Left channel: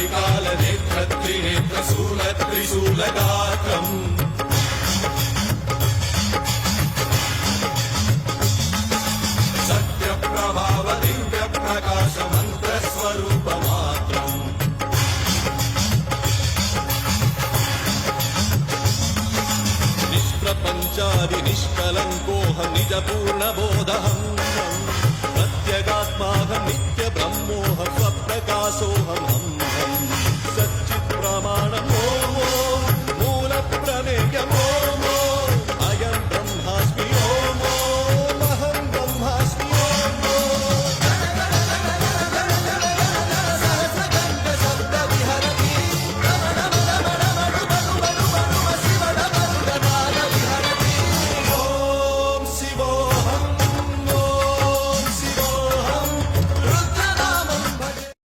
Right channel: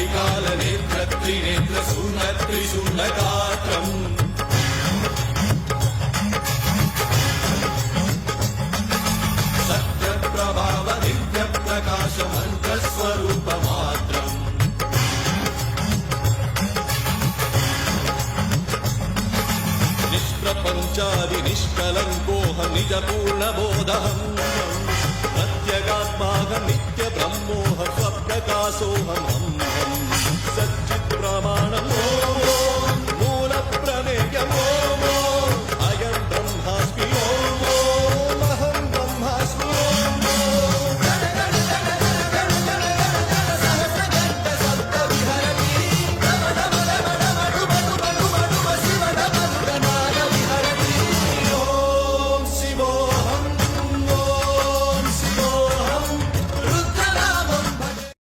త్రికాల నేత్ర త్రినేత్ర శూల త్రిశూల గాత్రం సత్య ప్రభావ దివ్య ప్రకాశ మంత్ర స్వరూప మాత్రం నిష్ప్రపంచాది నిష్కలంకోహం నిజ పూర్ణ బోధహం ప్రత్యగాత్మాహం నిత్య బ్రహ్మోహం స్వప్రకాశోహం హం హం సచ్చిత్ ప్రమాణం